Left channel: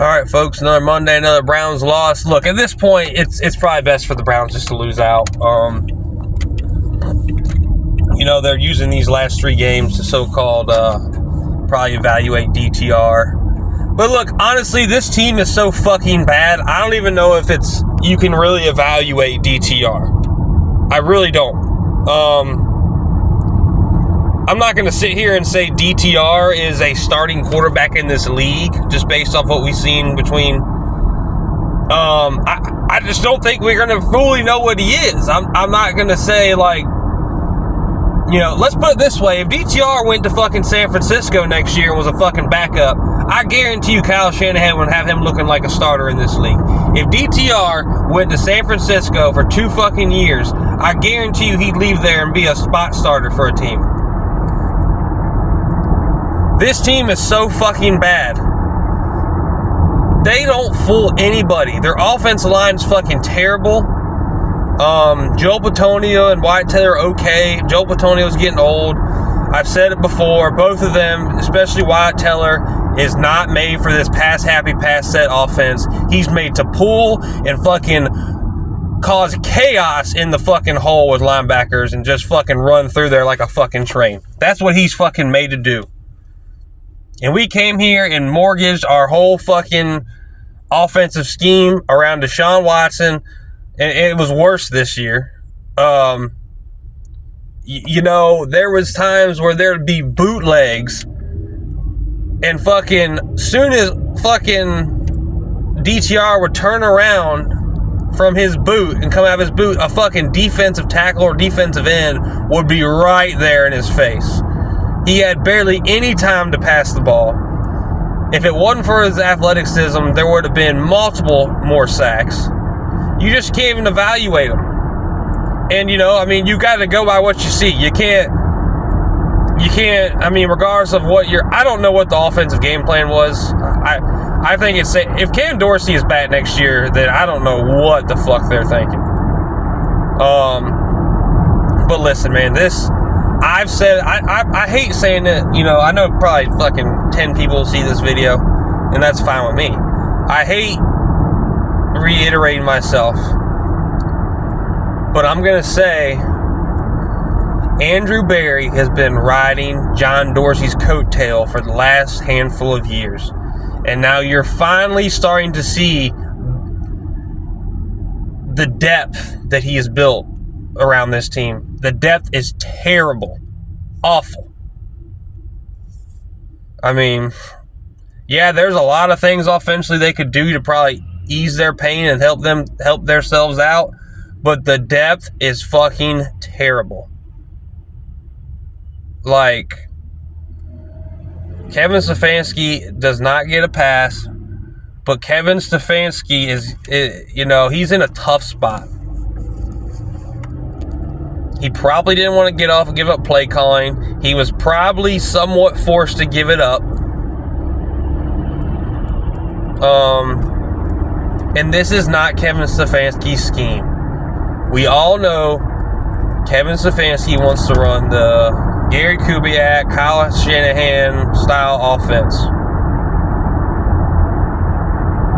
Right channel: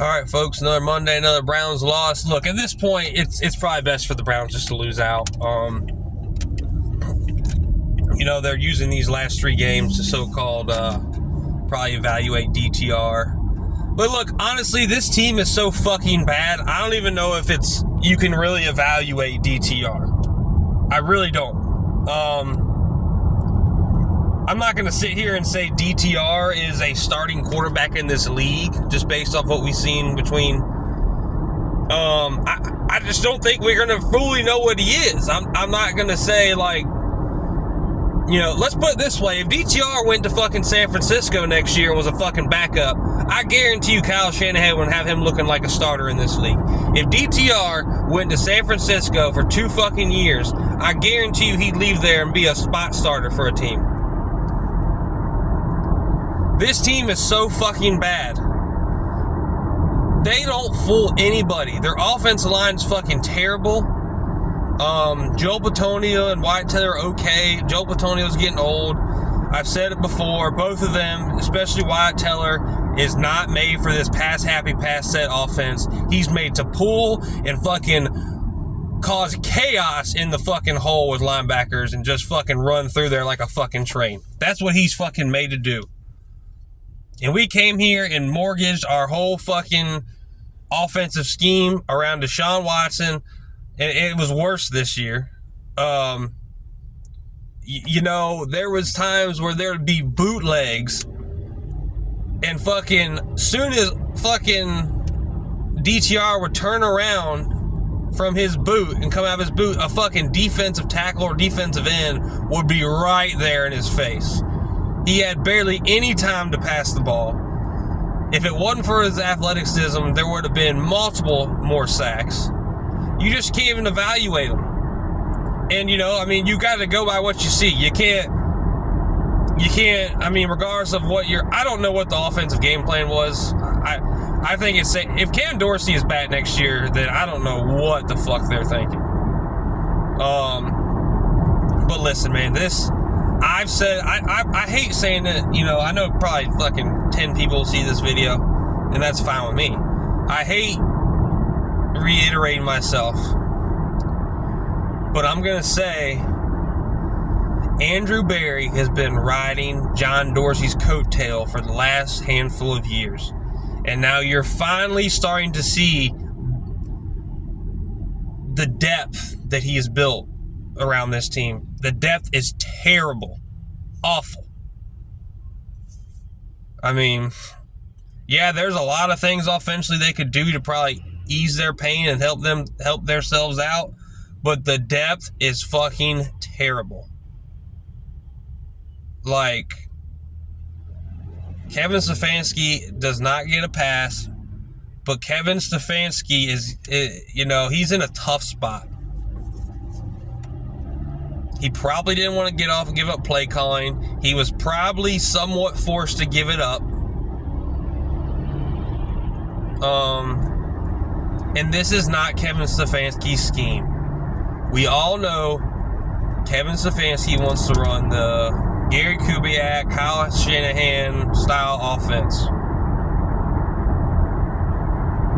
All right, folks, another Monday, another Browns loss. Look, at this point, it's probably best for the Browns just to lose out. They're using these last three games to so-called probably evaluate DTR. But look, honestly, this team is so fucking bad, I don't even know if you can really evaluate DTR. I really don't. I'm not going to sit here and say DTR is a starting quarterback in this league just based off what we've seen between. I just don't think we're going to fully know what he is. I'm not going to say, like, let's put it this way. If DTR went to fucking San Francisco next year and was a fucking backup, I guarantee you Kyle Shanahan would have him looking like a starter in this league. If DTR went to San Francisco for 2 fucking years, I guarantee you he'd leave there and be a spot starter for a team. This team is so fucking bad. They don't fool anybody. Their offensive line's fucking terrible. Joe Bitonio and Wyatt Teller are okay. Joe Bitonio's getting old. I've said it before. Both of them, especially Wyatt Teller, is not made for this pass-happy, pass-set offense. He's made to pull and fucking cause chaos in the fucking hole with linebackers and just fucking run through there like a fucking train. That's what he's fucking made to do. And we came here and mortgaged our whole fucking offensive scheme around Deshaun Watson, and it was worse this year. There was times where there'd be bootlegs, and fucking soon as fucking DTR would turn around from his boot and come out of his boot, a fucking defensive tackle or defensive end would be right there in his face. He had barely any time to pass the ball. If it wasn't for his athleticism, there would have been multiple more sacks. You just can't even evaluate him. And, you got to go by what you see. You can't, regardless of what I don't know what the offensive game plan was. I think if Cam Dorsey is back next year, then I don't know what the fuck they're thinking. But listen, man, I've said, I hate saying it, I know probably fucking 10 people see this video, and that's fine with me. I hate reiterating myself, but I'm going to say Andrew Berry has been riding John Dorsey's coattail for the last handful of years, and now you're finally starting to see the depth that he has built around this team. The depth is terrible. Awful. There's a lot of things offensively they could do to probably ease their pain and help themselves out, but the depth is fucking terrible. Like, Kevin Stefanski does not get a pass, but Kevin Stefanski he's in a tough spot. He probably didn't want to get off and give up play calling. He was probably somewhat forced to give it up. And this is not Kevin Stefanski's scheme. We all know Kevin Stefanski wants to run the Gary Kubiak, Kyle Shanahan style offense.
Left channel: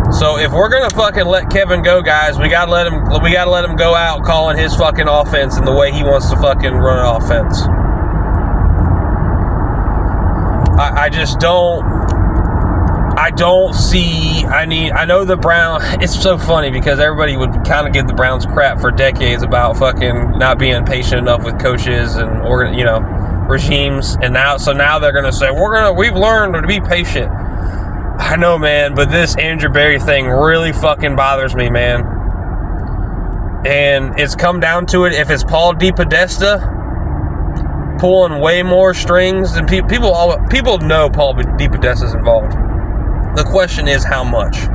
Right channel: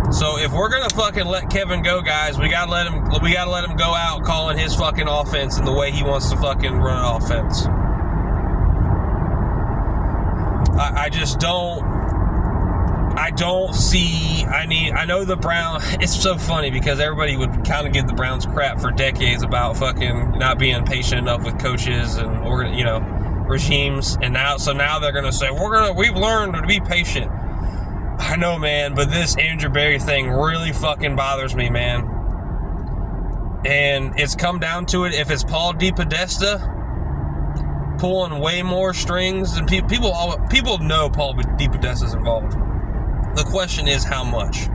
So if we're gonna fucking let Kevin go, guys, we gotta let him go out calling his fucking offense in the way he wants to fucking run an offense. I don't see. I know the Browns. It's so funny because everybody would kind of give the Browns crap for decades about fucking not being patient enough with coaches and regimes, and now they're gonna say we've learned to be patient. I know, man, but this Andrew Berry thing really fucking bothers me, man. And it's come down to it. If it's Paul DePodesta pulling way more strings, and people know Paul DePodesta's involved. The question is how much.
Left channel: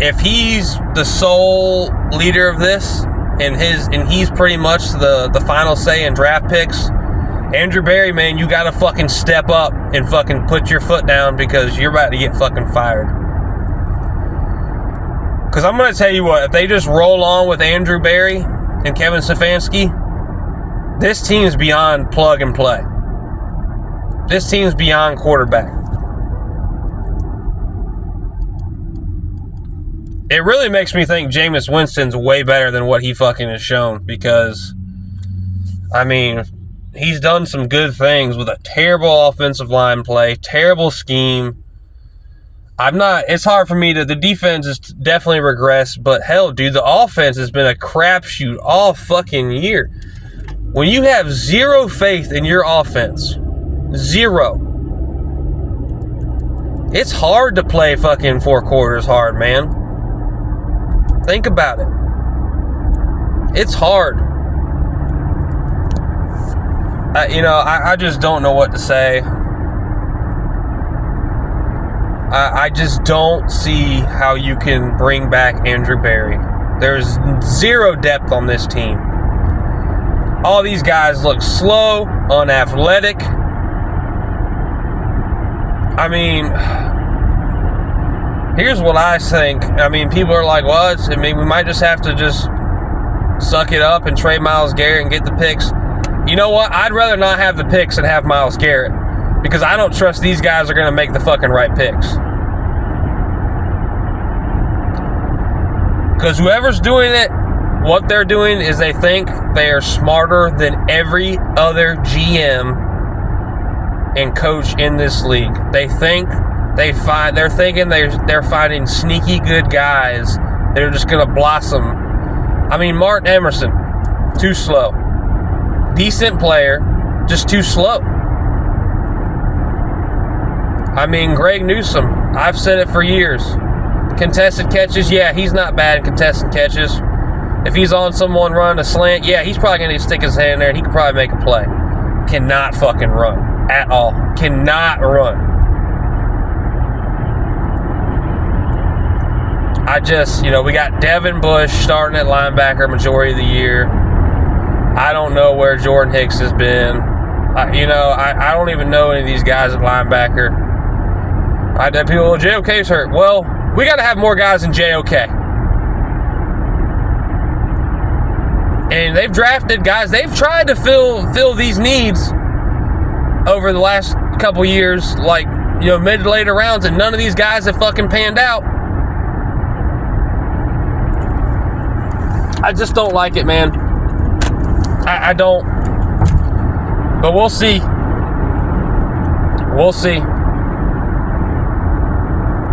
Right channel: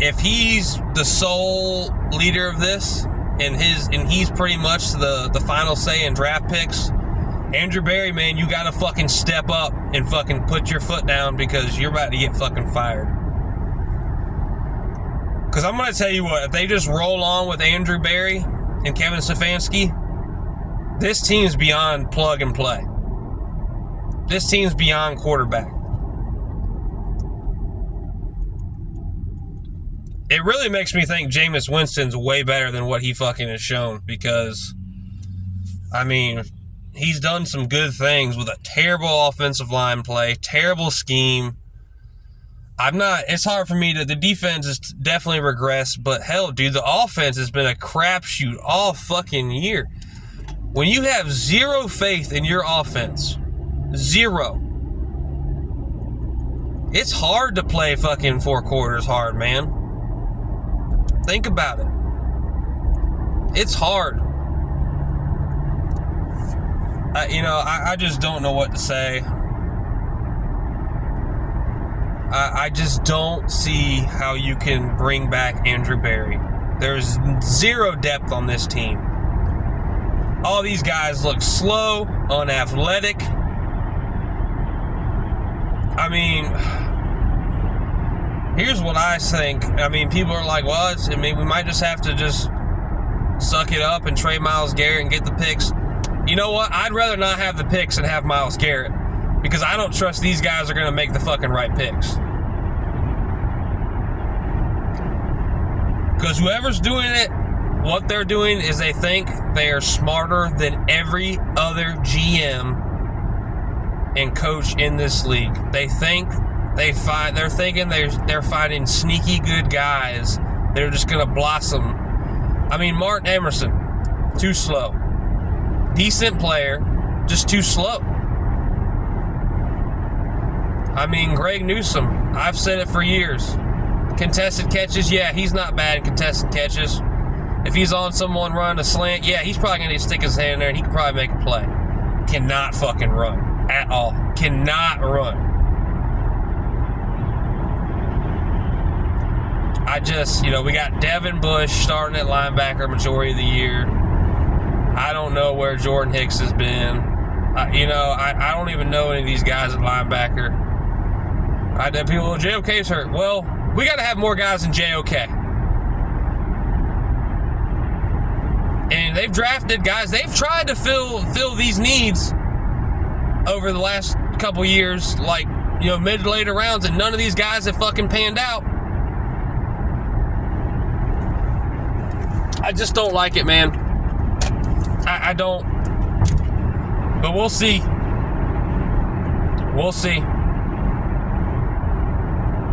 If he's the sole leader of this, and he's pretty much the final say in draft picks, Andrew Berry, man, you gotta fucking step up and fucking put your foot down because you're about to get fucking fired. Because I'm gonna tell you what, if they just roll on with Andrew Berry and Kevin Stefanski, this team's beyond plug and play. This team's beyond quarterback. it really makes me think Jameis Winston's way better than what he fucking has shown, because, I mean, he's done some good things with a terrible offensive line play, terrible scheme. It's hard for me to, the defense has definitely regressed, but hell, dude, the offense has been a crapshoot all fucking year. When you have zero faith in your offense, zero, it's hard to play fucking 4 quarters hard, man. Think about it. It's hard. I just don't know what to say. I just don't see how you can bring back Andrew Berry. There's zero depth on this team. All these guys look slow, unathletic. I mean, here's what I think. I mean, people are like, well, we might just have to just suck it up and trade Myles Garrett and get the picks. You know what? I'd rather not have the picks and have Myles Garrett, because I don't trust these guys are going to make the fucking right picks. Because whoever's doing it, what they're doing is they think they are smarter than every other GM and coach in this league. They're thinking they're finding sneaky good guys. They're just going to blossom. I mean, Martin Emerson, too slow. Decent player, just too slow. I mean, Greg Newsome, I've said it for years. Contested catches, yeah, he's not bad at contested catches. If he's on someone running a slant, yeah, he's probably going to stick his hand in there and he could probably make a play. Cannot fucking run at all. Cannot run. We got Devin Bush starting at linebacker majority of the year. I don't know where Jordan Hicks has been. I don't even know any of these guys at linebacker. I had people, JOK's hurt. Well, we got to have more guys than JOK. And they've drafted guys. They've tried to fill these needs over the last couple years, like, mid to later rounds, and none of these guys have fucking panned out. I just don't like it, man. I don't. But we'll see. We'll see.